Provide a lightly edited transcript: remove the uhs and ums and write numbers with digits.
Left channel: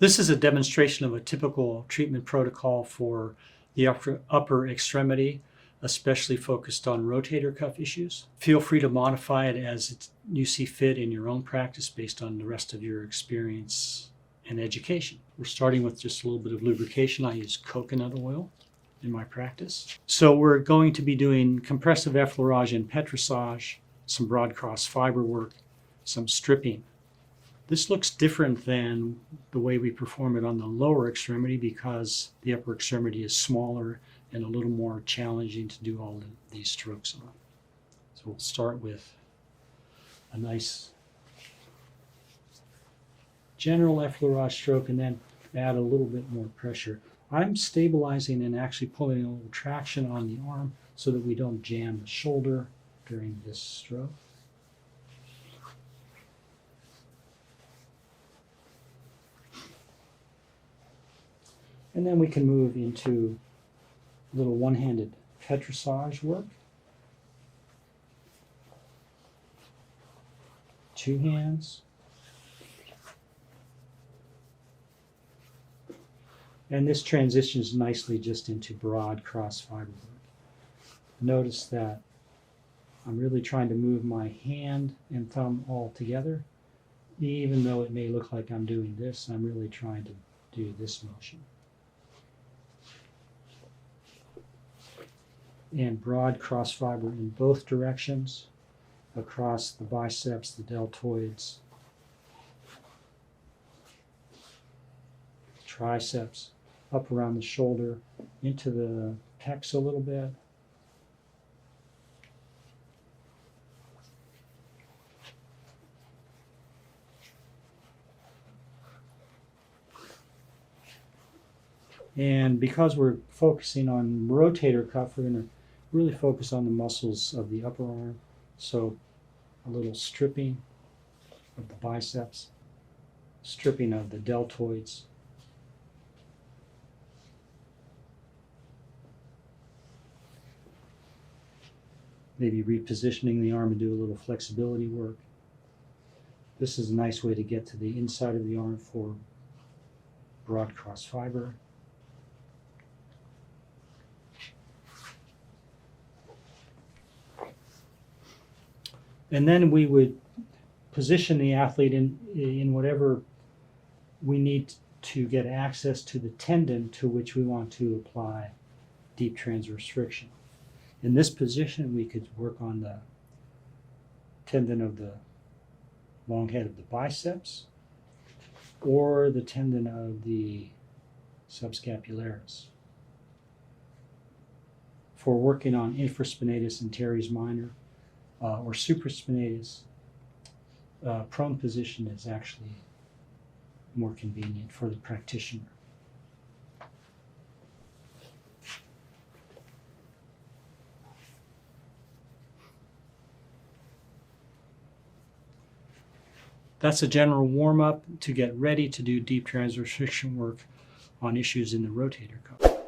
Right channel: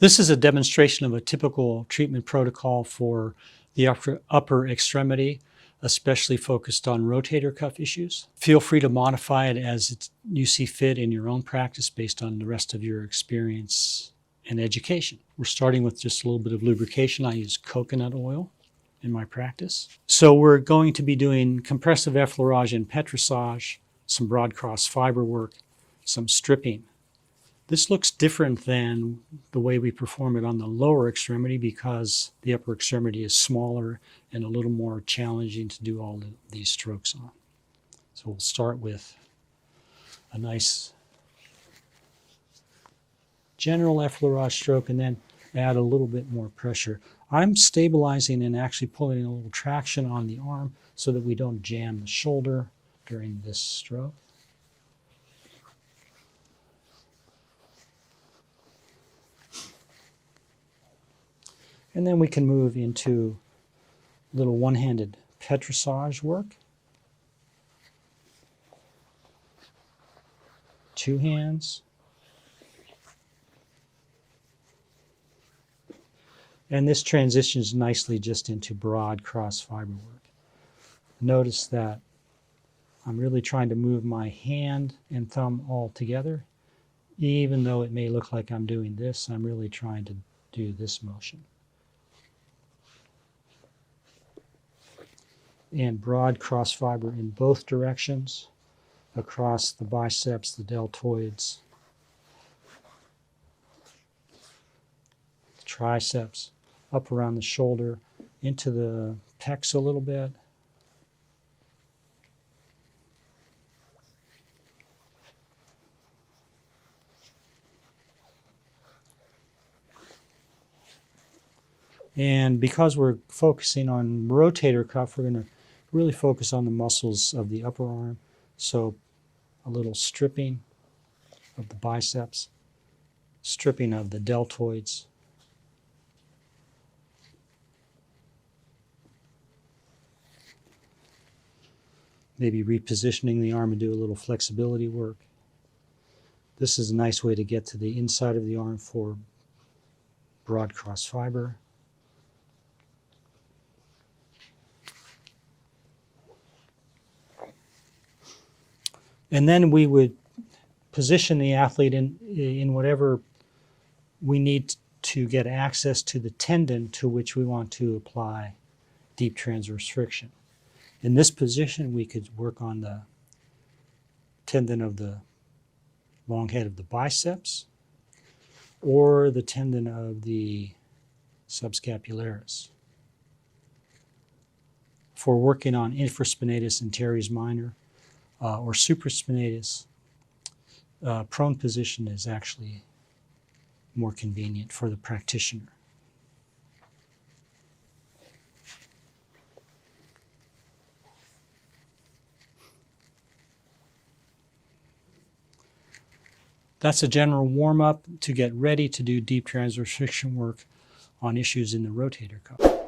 This is a demonstration of a typical treatment protocol for the upper extremity, especially focused on rotator cuff issues. Feel free to modify it as you see fit in your own practice based on the rest of your experience and education. We're starting with just a little bit of lubrication. I use coconut oil in my practice. So we're going to be doing compressive effleurage and petrissage, some broad cross fiber work, some stripping. This looks different than the way we perform it on the lower extremity because the upper extremity is smaller and a little more challenging to do all these strokes on. So we'll start with a nice general effleurage stroke and then add a little bit more pressure. I'm stabilizing and actually pulling a little traction on the arm so that we don't jam the shoulder during this stroke. And then we can move into a little one-handed petrissage work. Two hands. And this transitions nicely just into broad cross fiber work. Notice that I'm really trying to move my hand and thumb all together. Even though it may look like I'm doing this, I'm really trying to do this motion. And broad cross fiber in both directions, across the biceps, the deltoids, the triceps, up around the shoulder, into the pecs a little bit. And because we're focusing on rotator cuff, we're going to really focus on the muscles of the upper arm. So a little stripping of the biceps, stripping of the deltoids, maybe repositioning the arm and do a little flexibility work. This is a nice way to get to the inside of the arm for broad cross fiber. And then we would position the athlete in whatever we need to get access to the tendon to which we want to apply deep transverse friction. In this position, we could work on the tendon of the long head of the biceps or the tendon of the subscapularis. For working on infraspinatus and teres minor, or supraspinatus, prone position is actually more convenient for the practitioner. That's a general warm-up to get ready to do deep transverse friction work on issues in the rotator cuff.